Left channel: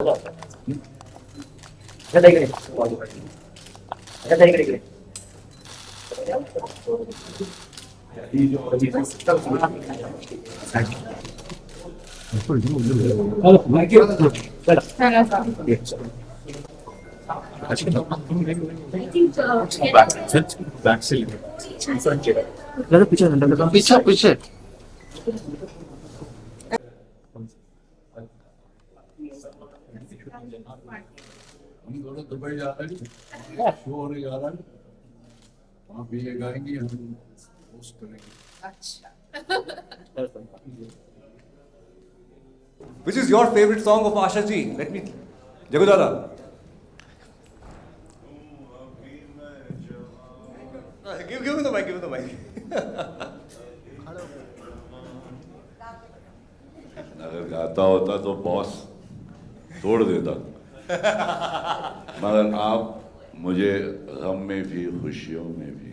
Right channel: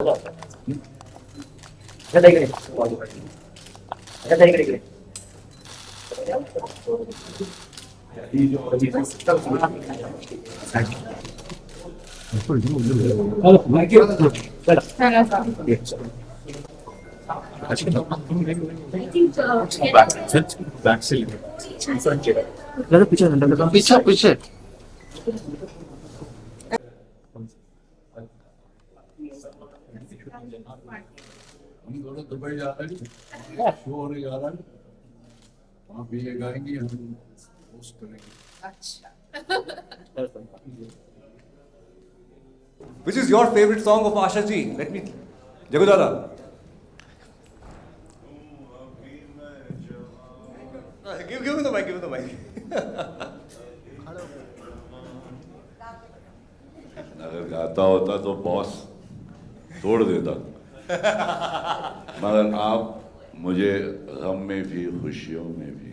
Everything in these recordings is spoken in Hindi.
पीछे पीछे हम दोनों दुबई जा रहे हैं, शो होने जा रहा है, वहाँ भी ये गाएंगे, हम होस्ट करेंगे। Which is your favorite song of Asha ji? Let me, Jagudala. Give me the mic. Give me the mic. अगर गाता होता तो बॉस तोड़ देता, मगर आप मुझे गम में भी खुशियों में भी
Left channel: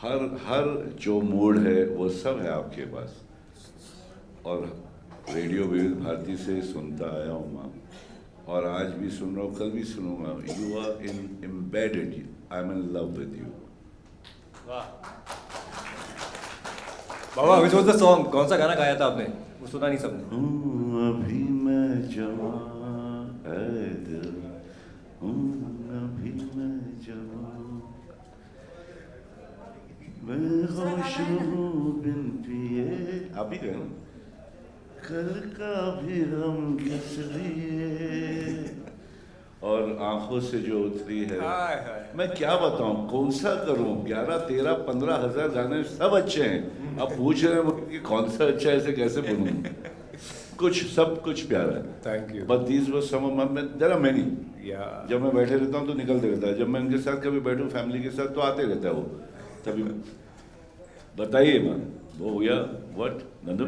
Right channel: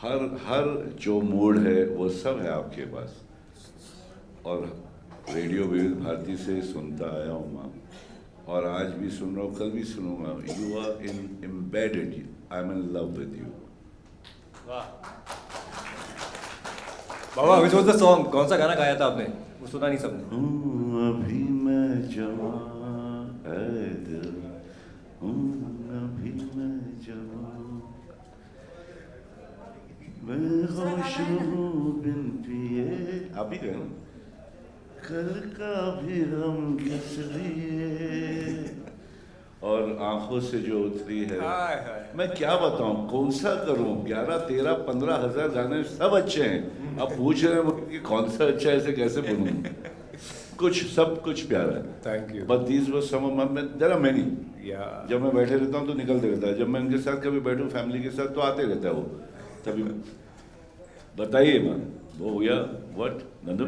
हर जो मूड है वो सब है आपके पास। और रेडियो विविध भारती से सुनता आया हूँ मैं, और आज भी सुन रहा हूँ, कल भी सुनूंगा। You are embedded, I am in love with you. बाबा, which was the song? कौन सा गाना गाया था आपने? वो सुना नहीं सबने। अभी मैं जवान है दिल, अभी मैं जवान, मैं होश हूँ बिन पिए। आप ही गए ना? कल का भी गम किस लिए, और आंखों से जो उतरी है। मैं क्या बताऊं, कौन सा करूं? 11, 13, 15 हजार गाने सब अच्छे हैं। अब पूछ रहे हैं कि कौन सा अच्छा है, ऐसे कैसे बोलूं? सब कुछ प्यारा है। Thank you. But these were some of my, there are many. Yeah. जब मैं बैठे रहता हूँ तो निकलते रहता है, जब मैं उनके साथ कभी बैठूं फैमिली के साथ तो आते रहता है वो। तभी बताइए माँ, वो या व्हाट नंदू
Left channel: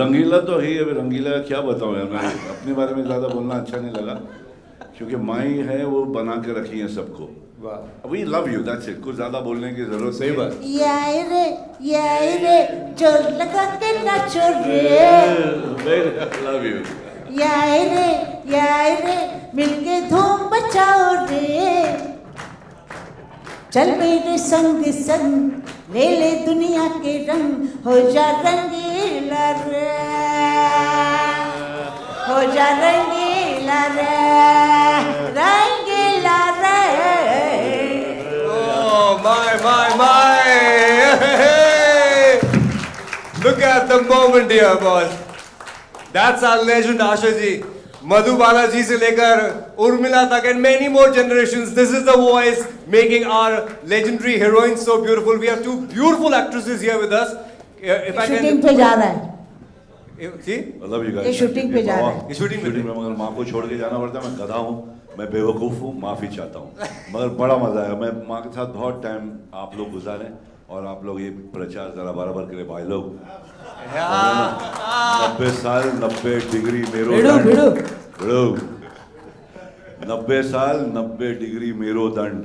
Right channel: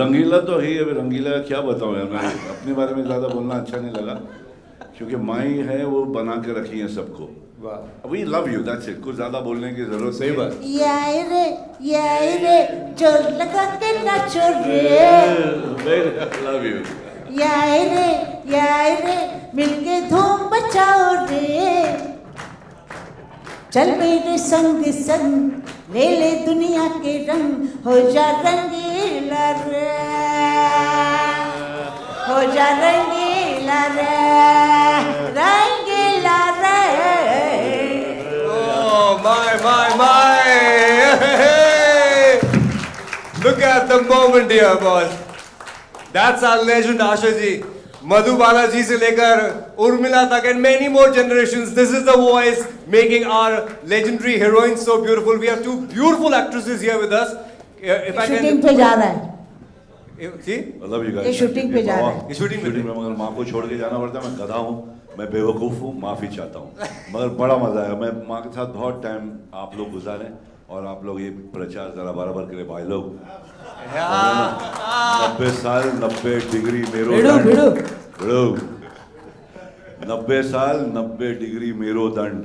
रंगीला तो है। अभी रंगीला क्या बताऊं यार, मैं अपने बारे में ज़्यादा बोलना अच्छा नहीं लगा, क्योंकि माई है वो बना के रखी है सबको। We love you, that's it. कुछ ज़्यादा बोलने की जरूरत सही बात। यार रे जोर लगा के नाचो रे, love you. यार रे मिलके धूम मचाओ रे, चल मेरे संग संग ले ले दुनिया के रंग, हो जा रंगीला रे, हो जा रंगीला रे, रंगीला रे। Oh my! Look at the moment here, boss. That's our legend, Asha ji. Madhubala ji se lekar Urmila tak and many more generations. This is the voice making our legendary heroines so beautiful. We have two beautiful actresses here with us. If I shooting can, पे जा रहा है, see? I love you guys. ये शूटिंग पे जा रहा है। ये शूटिंग में मगर माँ को छोड़ के जाना पड़ता है। मैं गधा हूँ, मैं बेवकूफ़ हूँ, माफ़ी चाहता हूँ, मगर बड़ा मज़ा आया। मैं माँ के साथ बहुत टाइम आप लोग गुजारे, और आप लोग ये प्रचार ज़रा बराबर करें भाई लोग। 90 साल 90 डिग्री मेरो दंड, 90 साल 90 डिग्री मेरो दंड।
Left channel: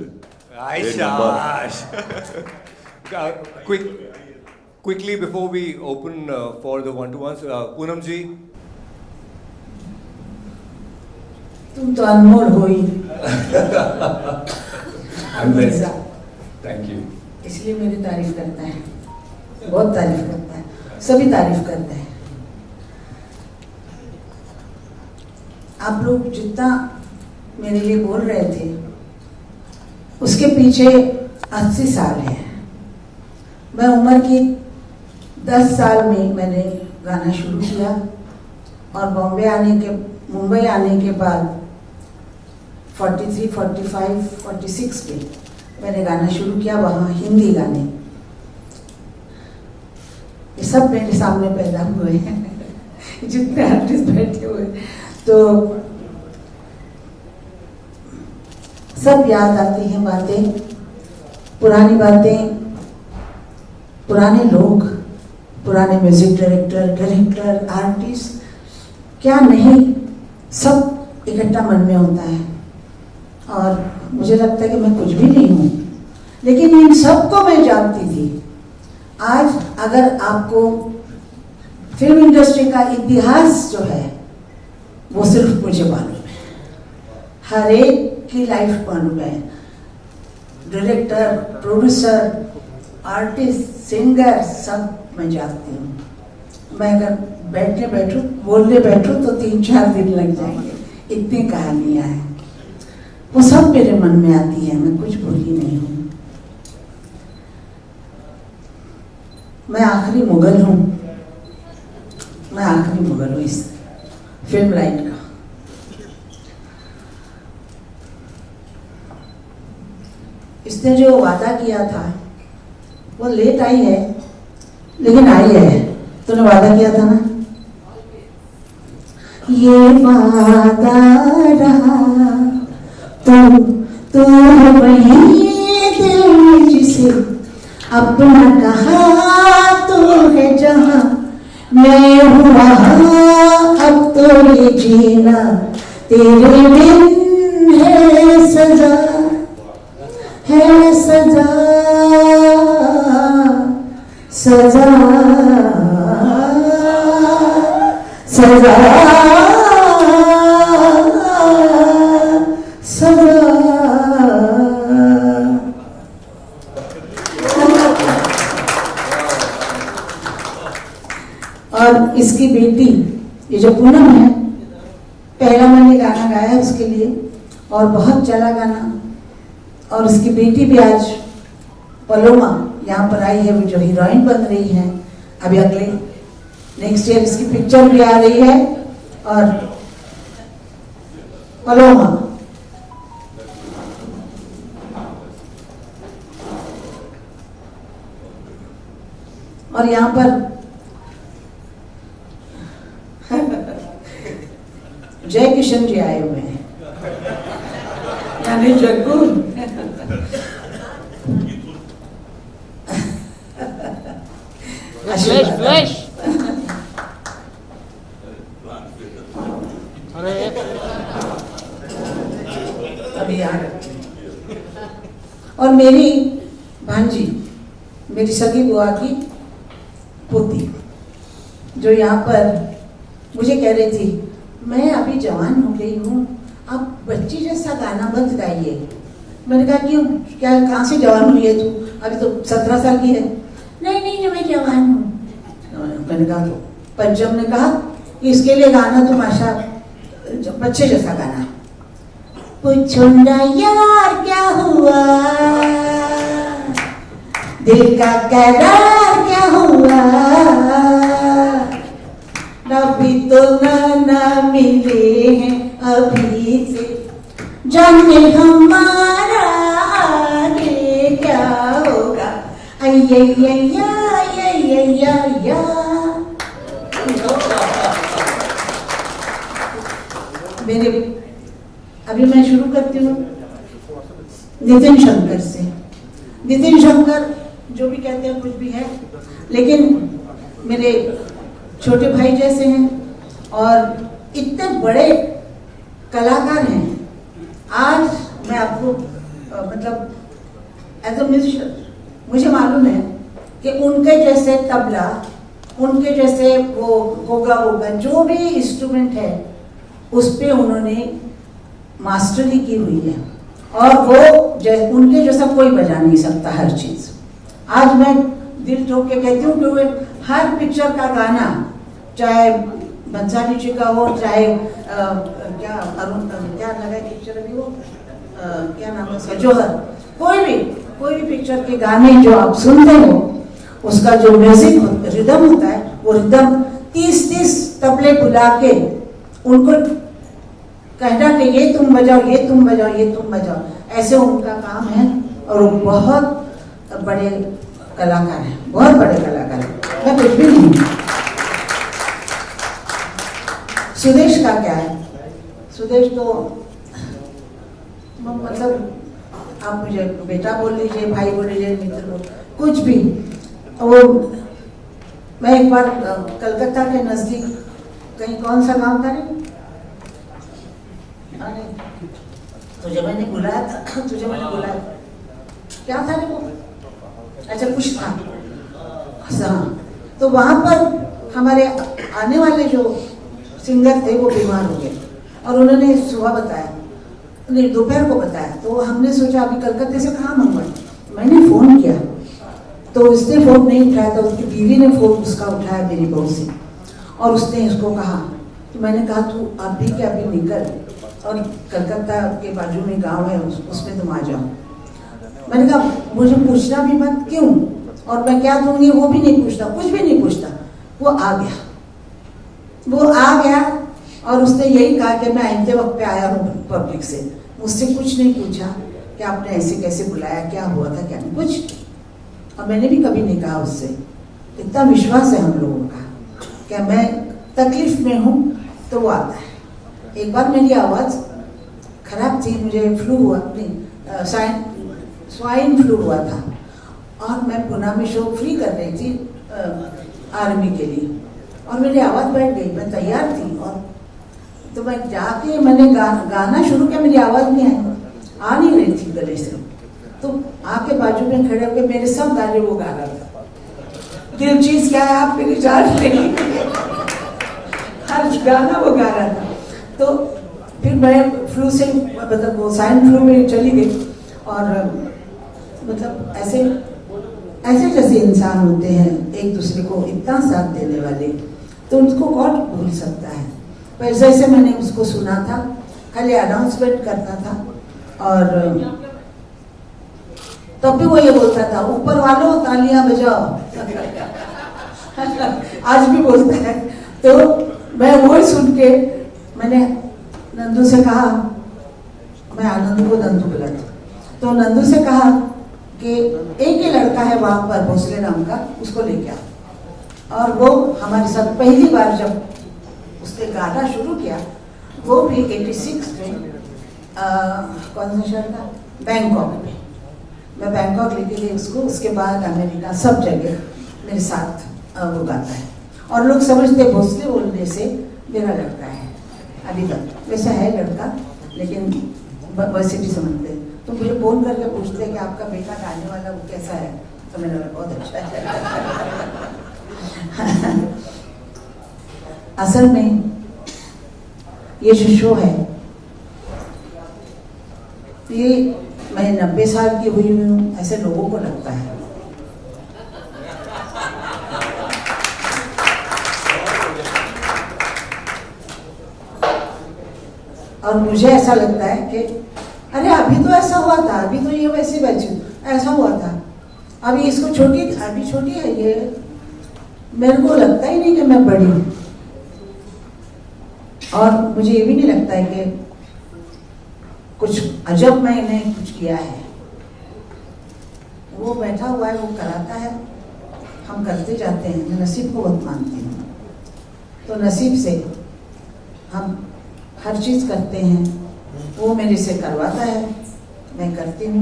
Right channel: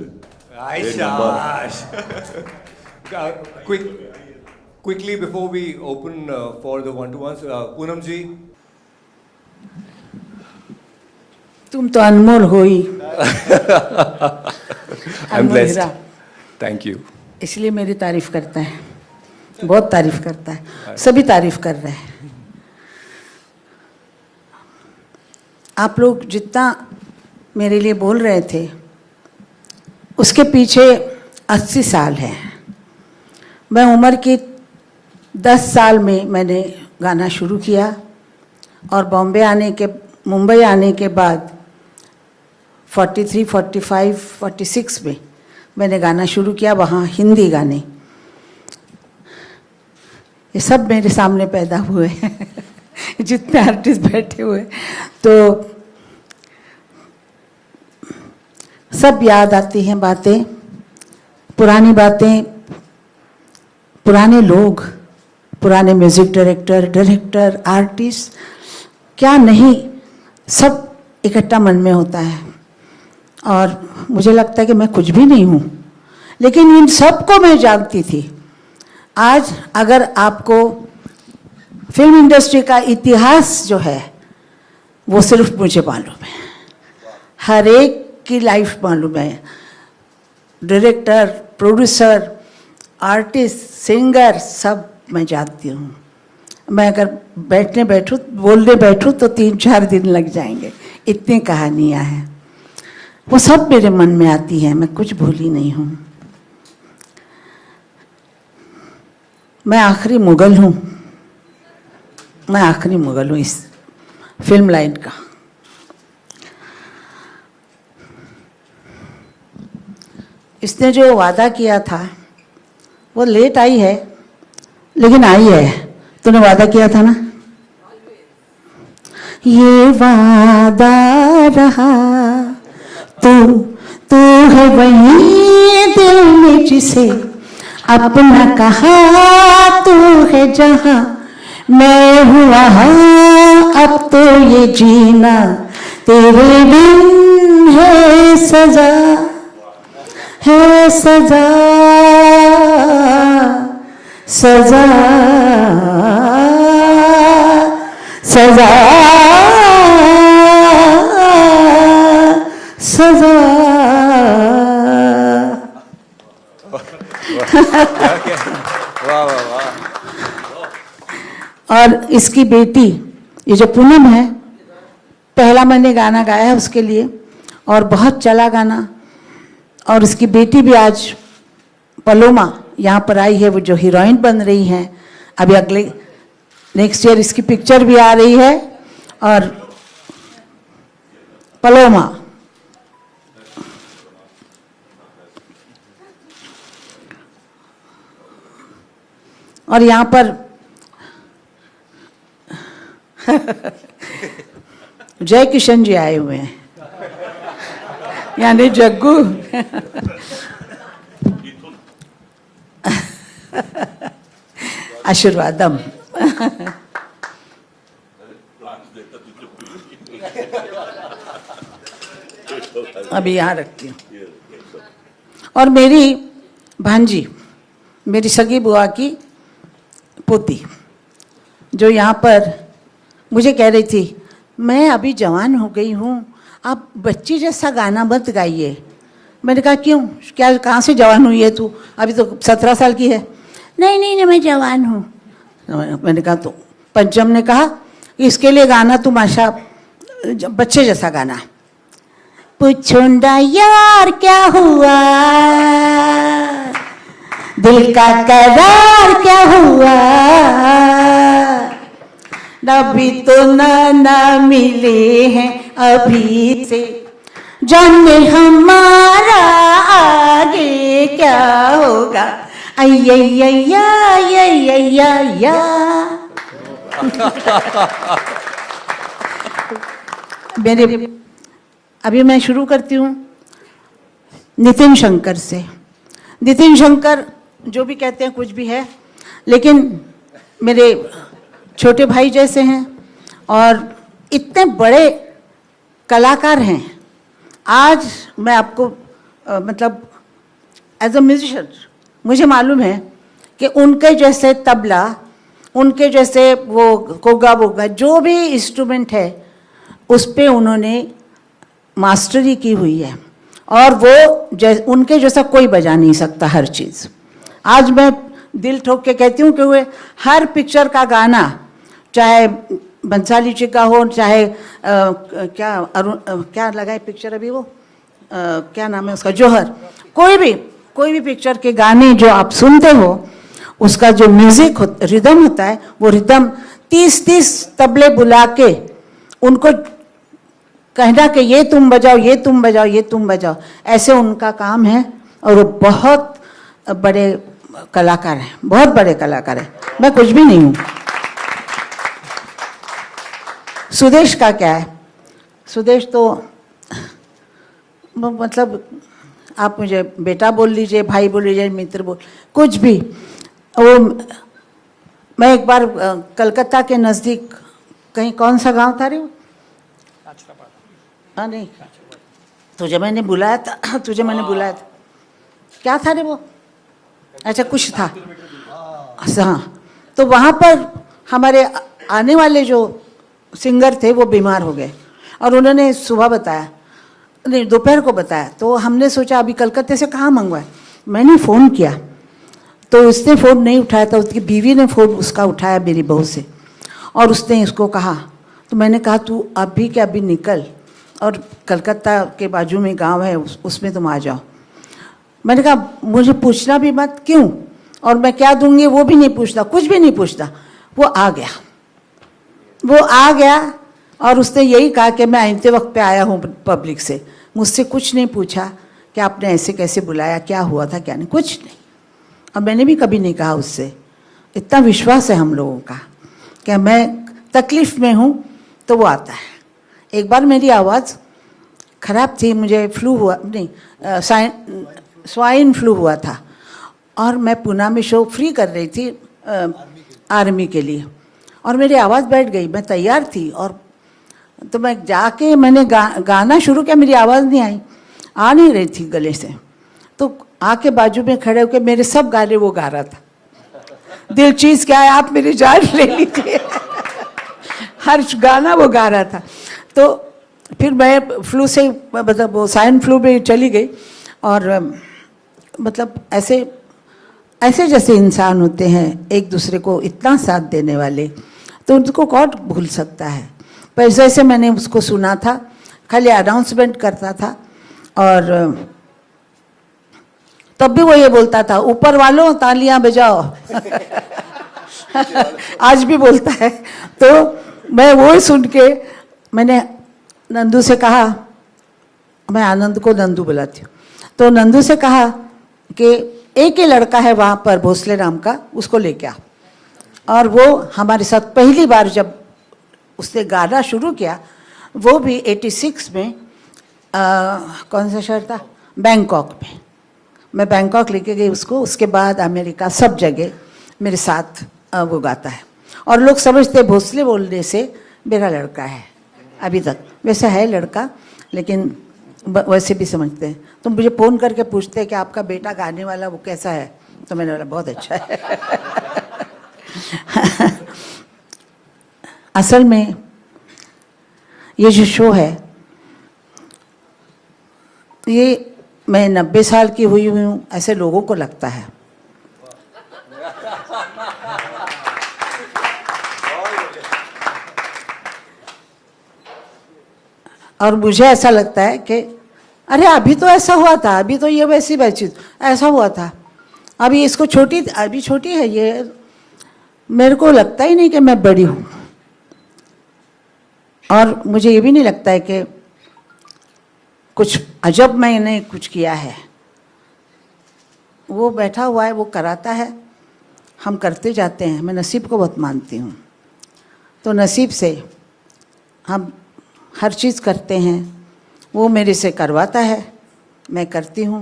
Quickly before we open for the one-to-ones, Poonam ji. तुम तो अनमोल हो ही। I'm blessed. Thank you. इसलिए मेरी तारीफ करता है, बहुत तारीफ करता है, सभी तारीफ कर रहे हैं। आप लोग जितना मेरे लिए बोल रहे थे, उसके पीछे 80 साल है। मैं उम्र की 10 साल में मैंने गाना शुरू किया, और मुंबई आने के बाद 43, 45, 46 में मैंने गाना शुरू किया, वहाँ हिंदी गाने। ये सब मेरे सामने पैदा हुए हैं जितने आर्टिस्ट बैठे हुए, तो सब याद आती हैं बातें, पुरानी बातें, पुराने लोग, पुराने म्यूजिक डायरेक्टर, आर्टिस्ट, क्या नहीं, सब इकट्ठा मन में होता है। और मुझे लगता है कि मैं कुछ भी नहीं हूँ, लेकिन इन सबको मैं जानती थी। आज अगर आपको फिल्म इंडस्ट्री का इतिहास जो है वो सिर्फ मुझे मालूम है, हर एक की लाइफ मालूम है, डायरेक्टर, प्रोड्यूसर, आर्टिस्ट, सिंगर, सब मैं जानती हूँ। मैं अगर बैठने बैठूँ, बोलने बैठूँ तो 3-4 दिन लग जाएंगे, इतनी कहानियाँ हैं। वो सब मेरे मन में आती है, मैं कुछ भूली नहीं हूँ। मैं आखिरी मुगल हूँ, मैं आखिरी मुगल हूँ इस फिल्म लाइन का। इसने जो वादा किया था वो लेट आई है, लेकिन आई है। तूने वादा किया था ना, ये वादा रहा, तू है वही दिल में जिसे अपना कहा, तू है जहां मैं हुआ, अब तो ये जीना तेरे बिन है सजा, है सजा, सजा, सजा, सजा। और इसकी बेटी, ये जो पूनम है, पहला मैंने गाना गाया उसके लिए और बहुत चला गाना। और उसकी बेटी भी आज पलोमा यहाँ पर आई है, वो जो हीरोइन बन रही हैं। अभी अगले नेक्स्ट ईयर इसकी पिक्चर भी आ रही है। और पलोमा और यहाँ पर जय किशन जी आए हुए हैं, यानी जग्गू। आशीर्वाद अभी यहाँ रखती हूँ। और मेरी भांजी, मेरी सगी बुआ की पोती, जो यहाँ पर मुझे कह रही थी, मैं अभी जवान हो गई हूँ, आप बच्ची जैसा गाना मत गाइए। मैंने कहा क्यों, क्या कहाँ से जवान हुई है तू, अभी तो 17 साल की है। नहीं नहीं, मैं जवान हूँ। मैंने कहा तो पंचम ने कहा इसके लिए गाना तू माशा बच्चे जैसा गाना है। पूछो ना यार क्या हुआ, दिल का करार क्या हुआ, अभी तो ना मिले हैं अभी से, जाने हमारा आगे क्या होगा। अय्या मेरे अभी मैं शुरू करती हूँ नितिन शंकर से। नितिन शंकर जो भी कहते हैं कुछ भी है, लेकिन मेरे छोटे भाई जैसे हैं और इतने बड़े कलाकार हैं। आज मैं आपको मतलब एज अ म्यूजिशियन मुझे मालूम है कि उनके जैसे तबला, उनके जैसे वो कोगा वोगा जो भी इंस्ट्रूमेंट है उस पे उन्होंने मास्टरी की हुई है, और वो उनके जैसा कोई बजा नहीं सकता हर चीज़। आज मैं दिल ठोक के कहती हूँ कि वे हर पिक्चर का गाना, चाहे बंसाली जी का हो, चाहे क्या लगाई पिक्चर अभी वो क्या नाम है उसका, जौहर, कोई भी पिक्चर के गाने जो आप सुनते हो, उसका जो म्यूजिक रिदम होता है, वो रिदम 30-30 तबले बुला के उनको कहना कि ये तुम बजाओ, ये तुम बजाओ, ये तुम बजाओ, ऐसे उनका काम है। और वो बहुत बड़े कलाकार हैं, बहुत बड़े कलाकार हैं। मैं कुछ भी नहीं हूँ। सुदेश का क्या है, सुदेश तो मतलब आप मुझे बेटा बोल लीजिए, भाई बोल लीजिए, मित्र बोल, कुछ भी। वो मैं एक बार कलकत्ता के नज़दीक कहीं, कौन सा गांव था रे, हाँ नहीं, तुझे मैंने बुलाया था, क्या था रे वो, अच्छा कुछ था, हाँ। तो वहाँ पर हमारे आने वाले जो सिंगर थे वो बीमार हो गए और उन्होंने सुबह बताया, नहीं दोपहर को बताया। तो हमने सोचा अभी कलकत्ते से कहाँ मंगवाए। मैंने फ़ोन किया तो उसने फ़ोन नहीं उठाया था, उसकी बीवी ने फ़ोन उसका उठाया मेरी बहू से, और उसने इसको कहा। तो मैंने कहा तू अभी के अभी निकल और कलकत्ता के बाजू में गांव है उसमें तुम आ जाओ। मैंने कहा मुझे पूछना भी मत, क्यों, और मैं क्या दूंगी वो भी नहीं पूछता, कुछ भी नहीं पूछता। वो आ गया और उसने यही कहा कि मैं आते वक्त पे आया हूँ पब्लिक से, मुझसे कुछ नहीं पूछा कि आपने ऐसे कैसे बुलाया, क्या हुआ था क्या नहीं, कुछ। और मैंने भी कभी नहीं कहा उससे। इतना विश्वास है हम लोगों का कि मैं तकलीफ़ में हूँ तो वो आता है। एक बार मेरी आवाज़ ख़राब थी, मुझे फ्लू हुआ, नहीं स्वाइन फ्लू हुआ था, और मैं पूना में शो फ्री कर रही थी आर्मी के लिए, और मेरी आवाज़ बैठ गई। मैं तैयार थी और तो मैं जाके मैंने गाना शुरू किया, मेरी आवाज़ नहीं आई, आ नहीं रही थी गले से। तो आके बाजू में खड़े होकर मेरे सब गाने वो गा रहा था। दिल चीज़ क्या है आप मेरी जान ले लीजिए, हर गाना वो गा रहा था। तो फिर मैं फ्लू से मतलब वो स्वाइन फ्लू में चली गई, और मतलब ऐसे जैसे इंसान होते हैं एक दूसरे को इतना साथ देने वाले, तो उनको कौन भूल सकता है। पर जैसे मैंने उसको सुना था, खाली अनाउंसमेंट करता था, और तब भी वो ये बोलता था ऊपर वालों तालियां बजाओ आज भी बोलता है। तो मैं वो सुन के मैंने नंदू से कहा, मैं आनंद को नंदू बुलाती हूँ, तो नंदू से कहा कि एक ही लड़का है वहाँ पर भोसले नाम का, उसको लेके आ। और वो हमारे साथ पहली बार जब उसने गाना शुरू किया, वो भी 86 में कौन सा शहर था, बैंकॉक में। मैं बैंकॉक लेके गई उसको, उसके बाद अमेरिका, सब जगह मेरे साथ वो गाता है। और लोग समझते भोसले बोलने से मेरा लड़का है, अभी तक वैसा है लड़का, लेकिन वैसे भी समझते हैं। तो मुझे फ़ोन करके पूछते हैं कि आपका बेटा गाने वाला वो कैसा है, तो मैंने बोला बहुत अच्छा है असल में ये जो शो है, ये मैं 90 साल की हुई हूँ ऐसे लोगों को लगता है। और मुझे ऐसा लगता है कि अरे अभी तो ऐसा हुआ था, अभी तो ये वैसी ऐसा हुआ था, अभी इसको अभी छोटी है ये, मेरे को लगता ही नहीं कि मैं बड़ी हूँ। और मुझे ये भी नहीं लगता है कि कुछ अजब मैंने कुछ किया है। वो बैठा हुआ है, वो कराता है, हम करते जाते हैं। मैं नसीब को बहुत मानती हूँ, तो नसीब से हम हर चीज़ करते हैं, वो मेरे से करवाता है, मैं करती हूँ।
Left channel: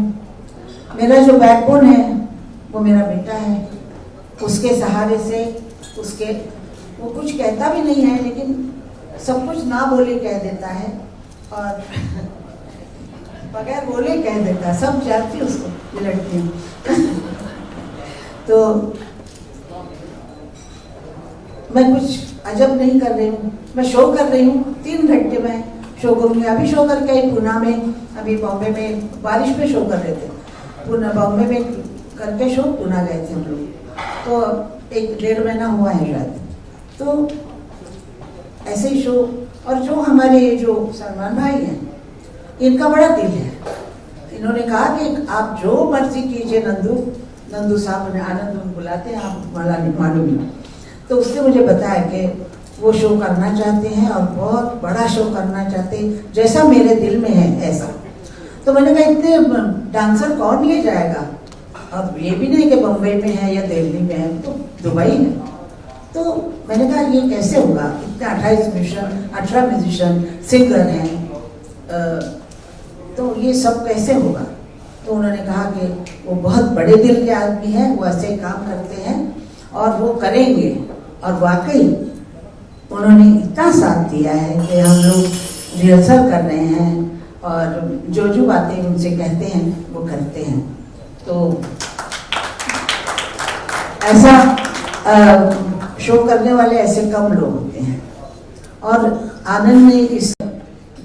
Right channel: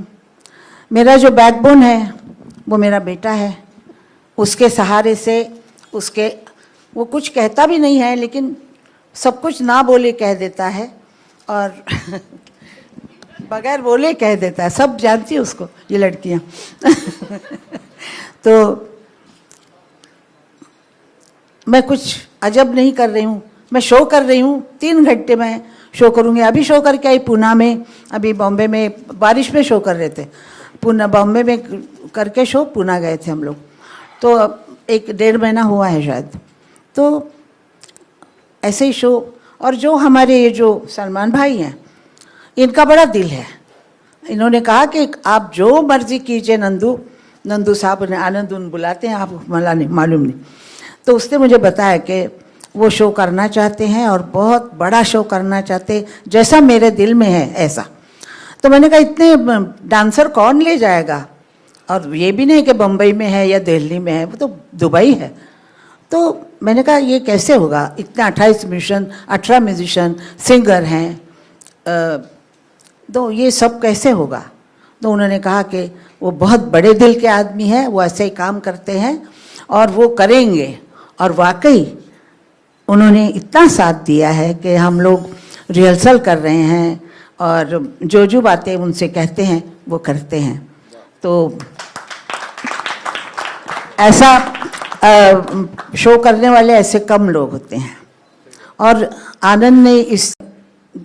मेरा जो बैकबोन है वो मेरा बेटा है, उसके सहारे से वो कुछ कहता भी नहीं है, लेकिन सब कुछ ना बोले कह देता है, और बगैर बोले कह देता है। सब जानती है उसको, ये लड़कियाँ तो मैं कुछ अजब नहीं कर रही हूँ, मैं शो कर रही हूँ। 3 घंटे में शो करूँगी। अभी शो करके आई पूना में, अभी बॉम्बे में बारिश में शो कर रहे थे, बॉम्बे में करके शो पूना गए थे हम लोग। तो 1-1.5 महीना हुआ है शायद। तो ऐसे ही शो। और जो हमारे ये जो सलमान भाई हैं, इनका बड़ा दिल है। इन्होंने कहा कि आप जो मर्जी कीजिए, नंदू साहब ने, आनंद बुलाते हैं, आप मालूम नहीं। तो उसने मुझे बताया कि वो शो करना चाहते हैं और बहुत बड़ा शो करना चाहते, जैसा मेरे दिल में है ऐसा। तो मैंने कहा इतने डांसर कौन ले जाएगा, और ये भी नहीं कि बम्बई में है या दिल्ली में है, वो तो दुबई है। तो मैंने कहा ये कैसे होगा, इतने 18 म्यूजिशियन सिंगर हैं, तो ये सब कैसे होगा। तो उन्होंने कहा कि वो बहुत बड़े दिल के आदमी हैं, वो ऐसे ही काम करते हैं और वो करेंगे। और वाकई उन्होंने इतना साथ दिया है कि हम लोग रिहर्सल कर रहे हैं, और जो बातें उनसे कहते हैं वो करते हैं। तो ऐसा शो करने वाले ऐसे कम लोग होते हैं। और आनंद ने इस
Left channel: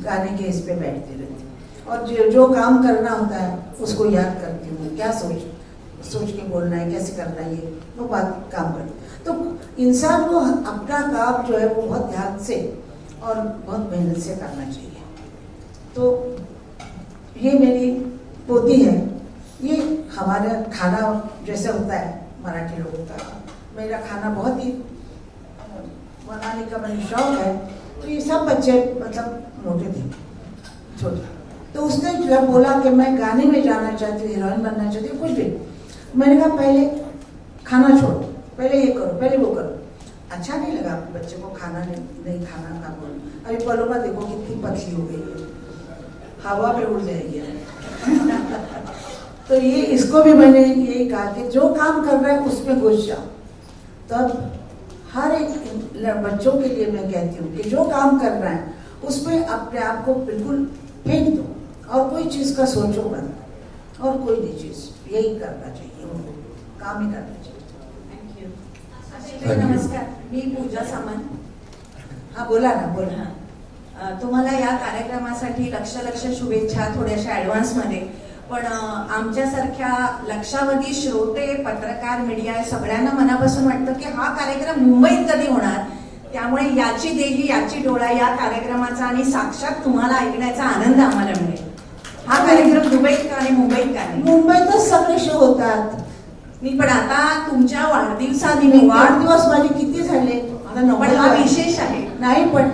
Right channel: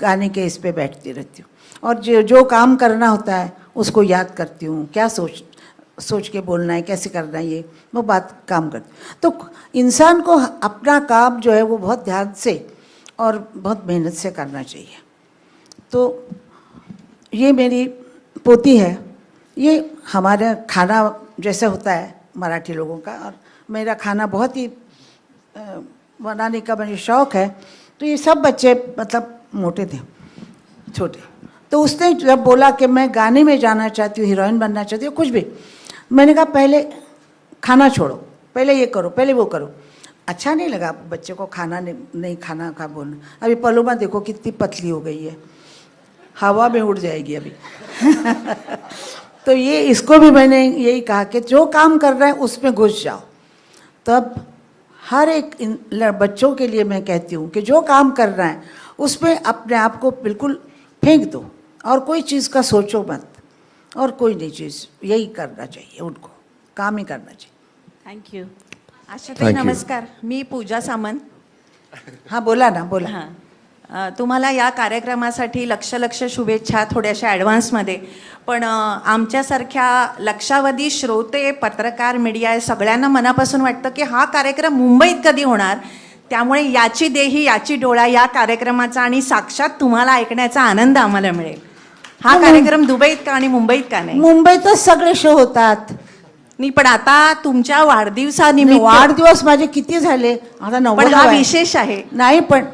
गाने के इस पे बैठती रहती हूँ और जो काम करना होता है उसको याद करती हूँ, क्या सोच के बोलना है, कैसे करना है, ये वो बात काम करती। तो इंसान को अपना काम जो है वो बहुत ध्यान से और बहुत मेहनत से करना चाहिए। तो ये मेरी पोती है, ये हमारा खाना जैसे होता है मराठी लोगों का, मेरा खाना बहुत ही बनाने का मुझे शौक़ है। तो ये सब बच्चे मतलब मोटे थे, छोटे, तो उसने जब बोला कि मैं गाने में जाना चाहती हूँ, हीरोइन बनना चाहती हूँ, कुछ भी, मैंने कहा पहले खाना छोड़ो, पहले ये करो, पहले वो करो। अच्छा नहीं लगा बच्चे को खाना नहीं खाना का बोलना। अभी पलोमा देखो कितनी पतली हो गई है, हवा में उड़ जाएगी अभी। तो ये इसको भी मैंने यही कहा कि जो काम कर रहा है उसमें घुस जाओ। तब हर एक बच्चों के लिए मैं कहती हूँ कि जो काम कर रहा है उसमें अपने आप को बिल्कुल फेंक दो और कोई चीज़ का सोचो मत, और कोई नहीं चीज़, यही करना चाहिए उनको, काम ही करना चाहिए। Thank you. आशाताई नमस्कार, मी पूजा सामंत. हाँ बोला ना, बोला. हां, तुम्हाला या कार्यक्रमासाठी लक्ष शुभेच्छा थोड्याशा ॲडव्हान्समध्ये. पण आमच्यासारख्या लक्षावधी श्रोते, पत्रकार, मीडिया सगळ्यांना मनापासून वाटतं की हा कार्यक्रम मुंबईत कधी होणार. त्यामुळे याची देही याची डोळा या कार्यक्रमाचा आणि साक्षात तुम्हाला ऐकण्याचा आनंद आम्हाला मिळेल. हा कार्यक्रम दुबईत का आणि मुंबईत का नाही? मुंबईतच सगळे शो होतात. नाही, पण आता तुमच्या वाढदिवसानिमित्त वाढदिवस माझे किती झाले आता? पण 90 हा विशेष आहे. नाही, पण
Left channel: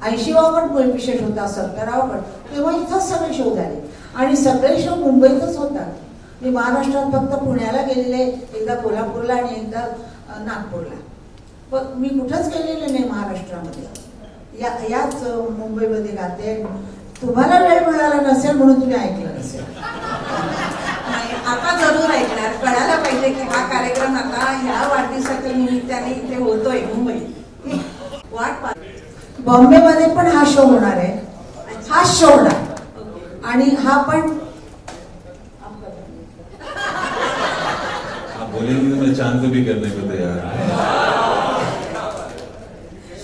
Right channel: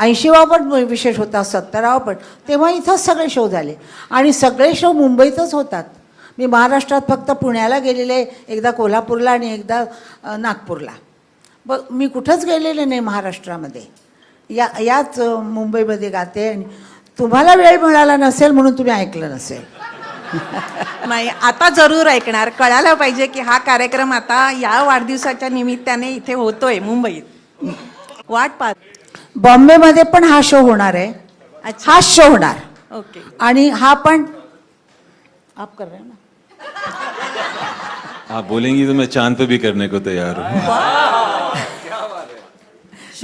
80वा पण विशेष होता, 70वा पण, तेव्हा इथंच सगळे शो झाले आणि सगळे शो मुंबईतच होतात. मी महाराष्ट्रात फक्त पुण्याला गेलेले, एकदा कोल्हापूरला आणि एकदा नागपूरला. पण मी कुठंच गेलेले नाही महाराष्ट्रामध्ये. याच मुंबईमध्ये गाते. तुम्हाला वेळ मिळाला नसेल म्हणून तुम्ही ऐकलं नसेल. नाही, आता जरूर ऐकणार. कळायला पाहिजे की हा कार्यक्रम आता या वाढदिवसाच्या निमित्ताने इथे होतोय मुंबईत. वाट पाहत. बॉम्बेमध्ये पण हा शो होणार आहे. अच्छा. हा शो होणार. ओके. आणि हा पण आप कर. आप बोलेंगी तो मैं चांद पे भी करने को तैयार हूँ.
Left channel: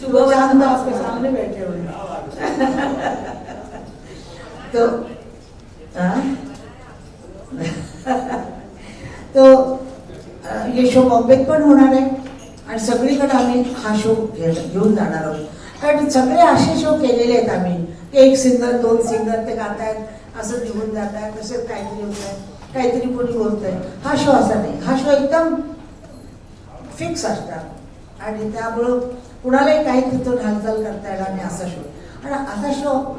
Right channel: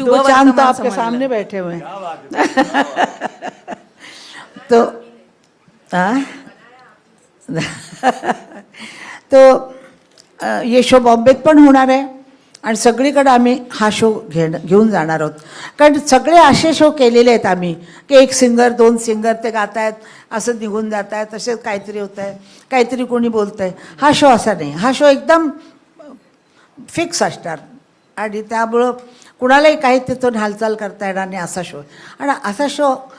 दो चांद तो आपके सामने बैठे हुए हैं. तो तो ये शो बॉम्बेत पण होणार आहे आणि सगळीकडे आम्ही हा शो घेऊन जाणार आहोत. कारण सगळे असे शो केलेले आहेत आम्ही की एक सिंगर, दोन सिंगर ते गात आहेत, असं निघून जात आहेत, तसेच काहीतरी होत आहे, काहीतरी कोणी बोलत आहे. हा शो असा नाही. हा शो एकदम फिक्स असणार आणि त्यामुळं कुणालाही काही तिथून हालचाल करता येणार नाही असा शो. आणि असा शो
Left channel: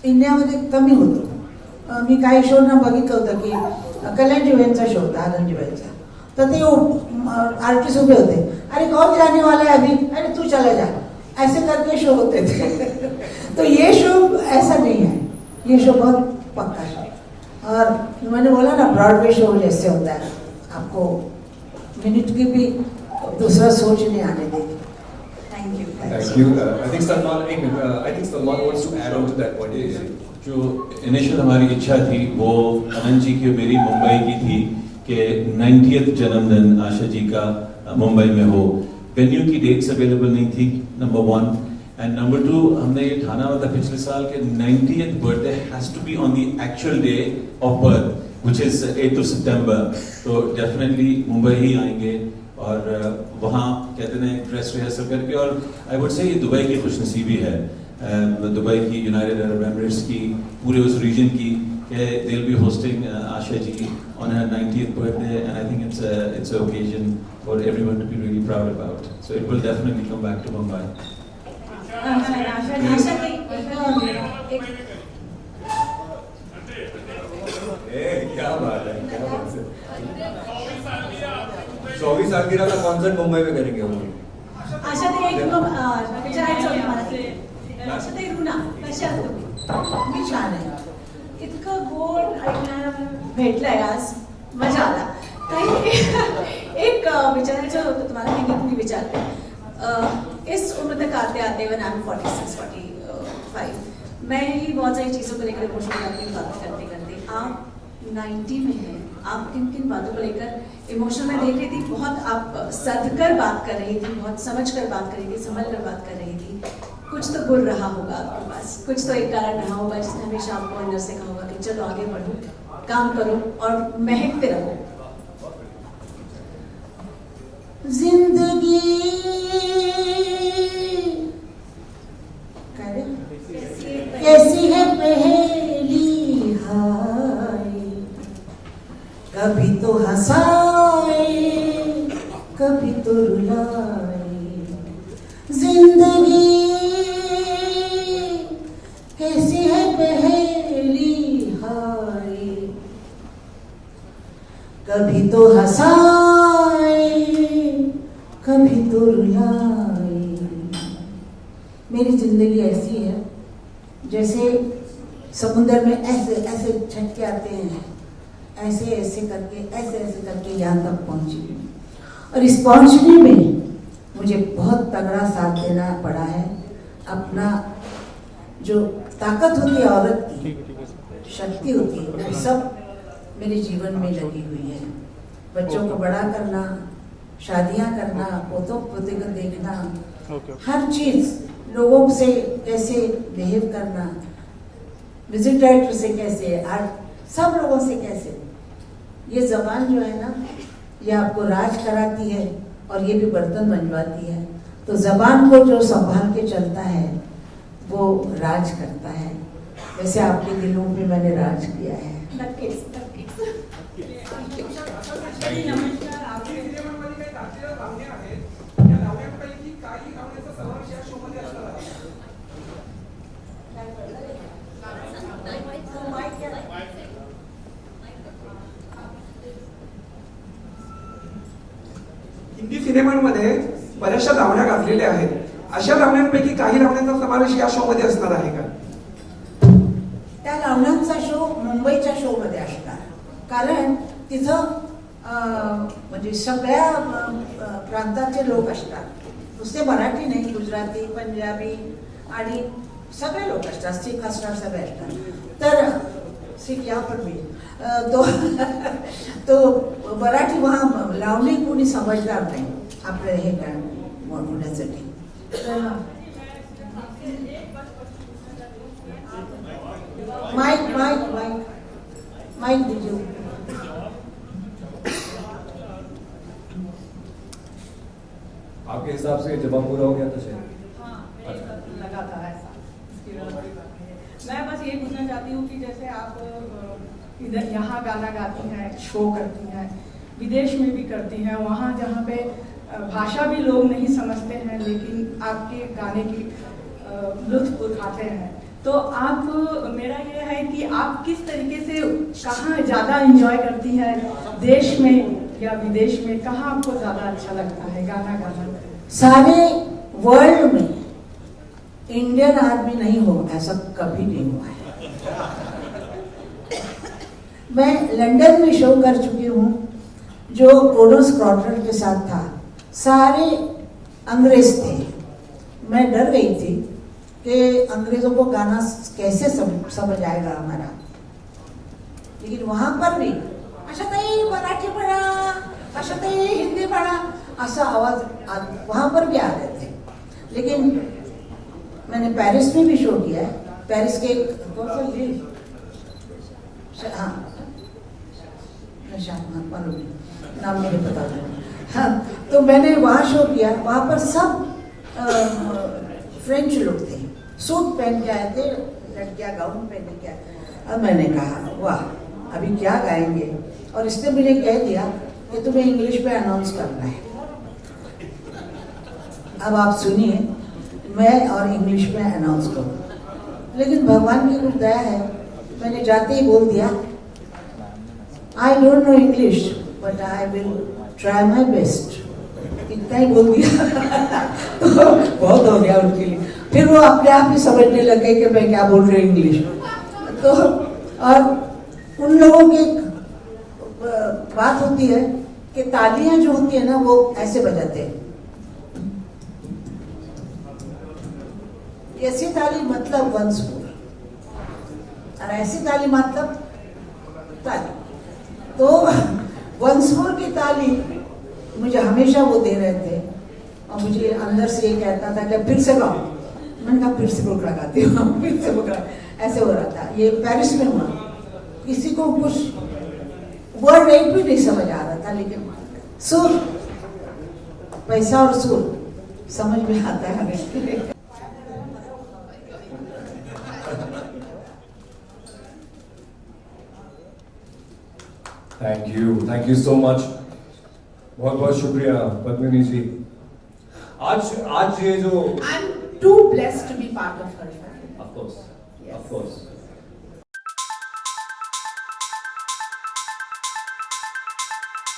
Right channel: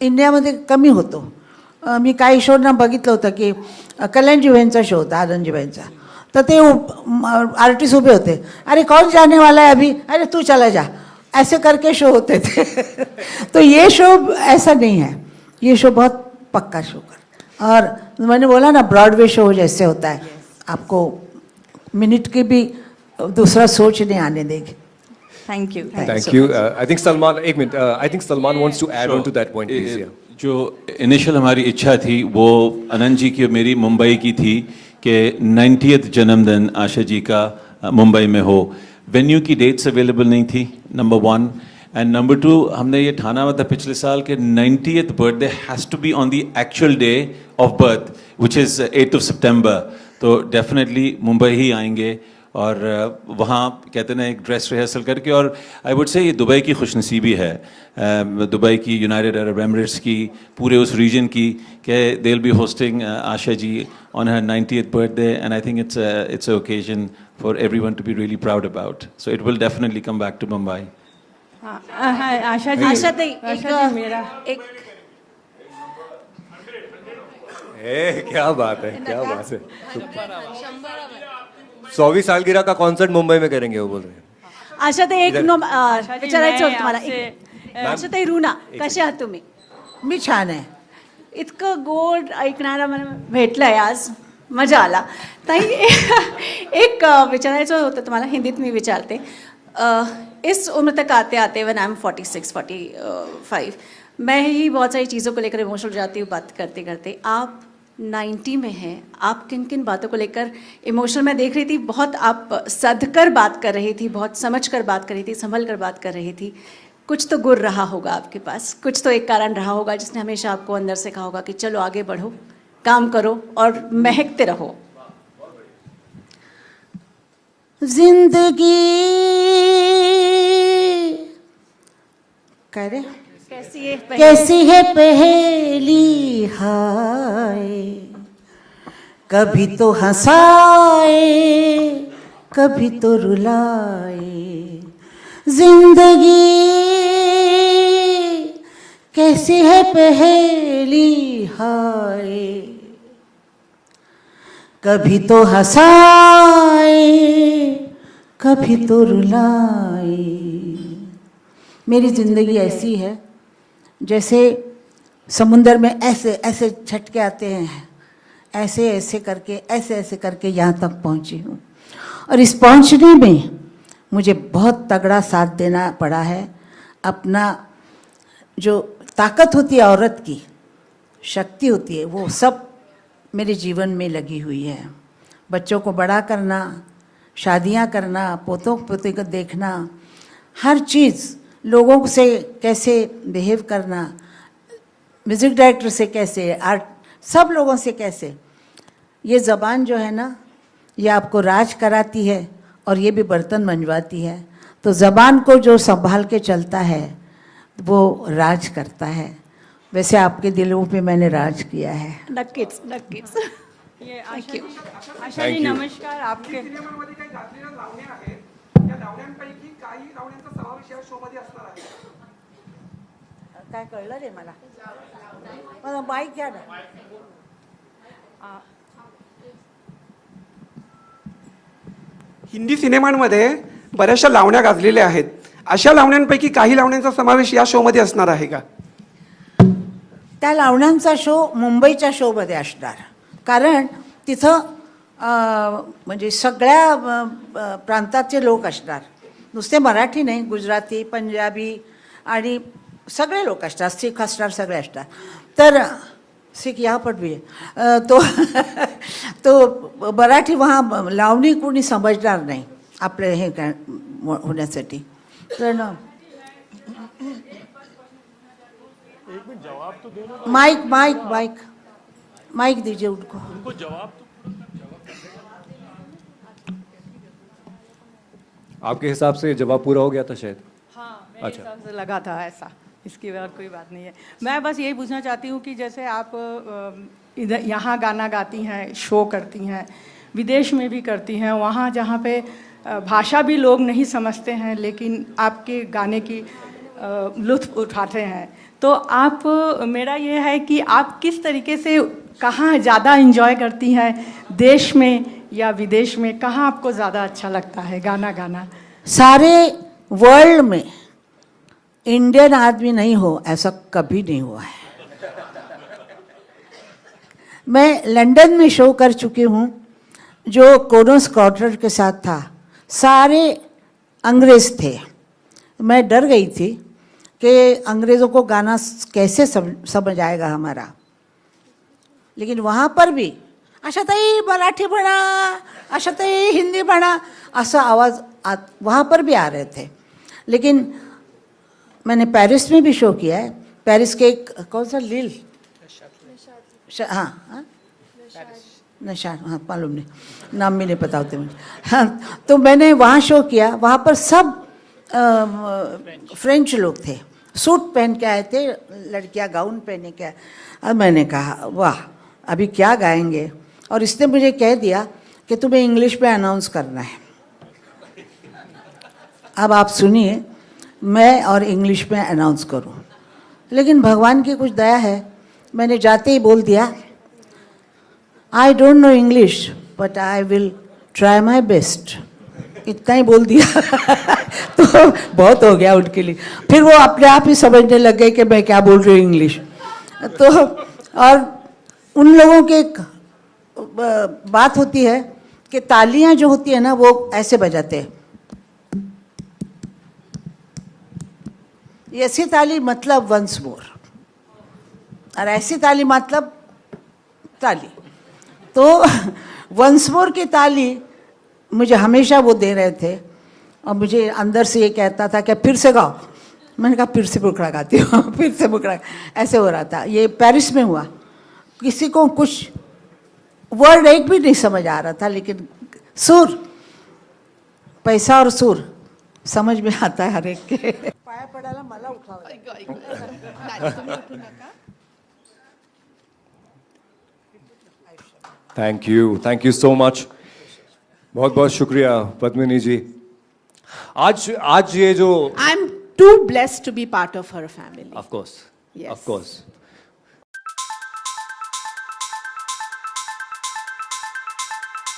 इंडियामध्ये कमी होतो. मी काही शोना बघितलं होतं की कल्याणजीबाईंचा शो होता, आनंदजीबाईंचा. तर ते आर्टिस्ट उभे होते, अरे कौन जाने वाला है अभी, अरे तू चला जा, ऐसे करके शो होते थे. तो ये शो ऐसा नहीं है. ये शो बहुत पक्का शो है. और मैंने बोला ना, ब्रॉडवे शो जैसे होता है, आपको मिनट की भी दूसरा सोच नहीं आने देगी. Thank you. Thank you. I think Salman, एक minute, I think Salman wants to add on to that point. जो इनिशियल हमारी इच्छा थी वो अनंत जी की और मेरी मुंबई की थी कि 90th जन्मदिन आशा जी का मुंबई में हो. वेन्यू की डेट्स अवेलेबल नहीं थी, नंबर 1. एंड नंबर 2, हमने ये ठाना हुआ था पिछले साल के 90th birthday has to be on the actual day of birth, which is 8th of September. तो डेफिनेटली मुंबई ही आएंगे और वहाँ कहते हैं एक ड्रेस रिहर्सल करके. और आई वुड से ये दुबई की खुशनसीबी है, दुबई की, यूनाइटेड अरब एमिरेट्स की, पूरे उस रीजन की, कि they will be hosting Asha ji on her 90th birthday. And I think it's a occasion for everyone to be really proud about. So it will definitely come back to Mumbai. क्या बात है, क्या बात है. 100वीं सालगिरह का कॉन्सर्ट मुंबई में करेंगे वो बोल. आशाताई, एक विचारायचं होतं मला. आशाताई, रुना, कशा आहात तुम्ही? मी छान आहे. इतकं गोड ऐकणारा मला भेटलंय आज, मजा आला. ताई, एक विचारायचं होतं तुम्हाला, हिंदीत मी विचारते. इस उम्र तक आते आते, व्हेन आई एम 46-45, मैं ही बहुत सारी चीज़ों को लेकर इमोशनल हो जाती हूँ बात करते करते. आप 90 में हैं, आप किन किन बातों को लेकर इमोशनल मैं देख रही थी, बहुत आप सधकर बात कर रही थी, बहुत समझ कर बात कर रही थी, संभल कर बात कर रही थी। कुछ तो गुर रहा होगा आपके पास, कुछ तो एक कारण रहा होगा जिसने हमेशा आपको अंदर से कहा होगा कि चलो आगे बढ़ो, काम करो और महकते रहो। जिंदगी करे कैसी है पहेली हाय, कभी तो हंसाए कभी तो रुलाए। जिंदगी कैसी है पहेली हाय, कभी तो हंसाए कभी तो रुलाए। मेरी ज़िंदगी ऐसी है जैसे समुंदर में ऐसे ऐसे झटके आते हैं, ऐसे ऐसे करके यहाँ तक पहुँची हूँ। और इस पहुँचने में मुझे बहुत तगड़ा साथ देना पड़ा है। अपना जो ताकत होती है औरत की, शक्ति होती है, वो सब मेरे जीवन में लगी हुई है। बच्चों को बड़ा करना, शादियाँ करना, पोतों पोते को देखना, हर चीज़, लोगों से कैसे बिहेव करना, म्यूज़िक डायरेक्टर से कैसे, आर्ट, सब लोगों से कैसे। ये ज़बान जो है ना, ये आपको राज कराती है और ये भी बर्तन मंजवाती है। तो ज़बान को जो संभाल के चलता है वो राज करता है। वैसे आपके दिलों पे मैंने राज किया है। नक्कीच नक्कीच। Thank you. Thank you. नमस्कार. आपके काय कळलं रे मला माहित काय हिंदी सिनेमांमध्ये बऱ्याचशा लावण्या गाजलेल्या आहेत. अशा लावण्यांपैकी काही लावण्यांचा समावेश या शोमध्ये असणार आहे का? त्या लावण्यांचा शो मुंबईच्या शोमध्ये असणार, कारण तिथं म्हणजे सगळ्या प्रांताचे लोक असणार, नुसते मराठी नाही, गुजराती, पंजाबी आणि सगळे लोक असतात, सिख असणार, सगळे असतात. तर सिख यहाँ पर भी तो तो मराठी वहाँ लावणी कोणी समजणार नाही आपल्या हे काय होण्यासाठी. तर माइक माइक माइक माइक दीजिए उनको. आपके हिसाब से जवाब पूरा हो गया था शायद? हाँ, अच्छा। मेरे हिसाब से लगा था ऐसा, इसकी और कोई बात नहीं है. मैं बस यही पूछना चाहती हूँ कि जैसे आप इधर यहाँ गाना गाती हैं, शो करती हैं, विदेश में भी करती हैं, वहाँ जहाँ पे भाषा भी लोग नहीं समझते हैं लेकिन आपके गाने की लुत्फ़ उठाते हैं, तो आप, मेरा ये है कि आप किस तरीके से, कहाँ ज़्यादा एंजॉय करती हैं, देश में या विदेश में, कहाँ आपको ज़्यादा अच्छा लगता है गाना गाना? सारे वर्ल्ड में इंडियन आदमी नहीं हो ऐसा कभी नहीं हुआ है. मैं लंदन में शो कर चुकी हूँ जो कोनोस क्वार्टर के साथ था, सारे अंग्रेज थे. मैं डर गई थी कि अंग्रेज़ों को गाना कैसे समझ आएगा हमारा, लेकिन वहाँ पर भी आशाताई मराठी म्हणा, आशाताई हिंदी म्हणा, ऐसा आवाज़ वहाँ पर भी आ रहे थे. लेकिन मैंने पेरिस में भी शो किया है. पेरिस के एक कौन सा लील, हाँ नशा, हाँ मालूम नहीं, नाम भी नहीं पता होते मुझे. हाँ, तो मैंने वहाँ शो किया. वहाँ पर सब फ्रेंच लोग थे, सूट पहन के आए थे, लड़कियाँ गाउन पहने के आए. अब मैंने कहा वाह अभी क्या गाएंगे, और इसने मुझे कह दिया कि तुम्हें इंग्लिश में अनाउंस करना है. अब आप सुनिए, मैं और इंग्लिश में अनाउंस करूं, लेकिन भगवान की कुछ दया है, मैंने जाते ही बोल दिया I don't know English but I will try my best. इतना ही बोल दिया तो बहुत हो गया उनके लिए. फिर वो अपने आप ही समझने लगे कि मैं क्या बोल रही हूँ इंग्लिश. तो और उन लोगों की एक बात होती है कि तालियां जो होती है ना वो ऐसे बजाते हैं. ऐसी ताली मतलब वंस मोर, और ऐसी ताली मतलब ताली। तो वंस मोर की ताली मुझे हमेशा वो दे रहे थे और मुझे अंदर से ये कहता था कि फिर से गाओ। मैंने कहा फिर से बुकरा गाती हूँ, फिर से बुकरा, ऐसे हो रहा था। ये पेरिस में हुआ, किसी को कुछ वर्ड एक भी नहीं समझ आ रहा था, लेकिन सुर, पैसा और सुर समझ में आता है हर एक के। थैंक यू सो मच, बहुत बहुत शुक्रिया पद्मिनी जी। आज ये जो I'm too blessed to be part of her family. Of course Yes. Of course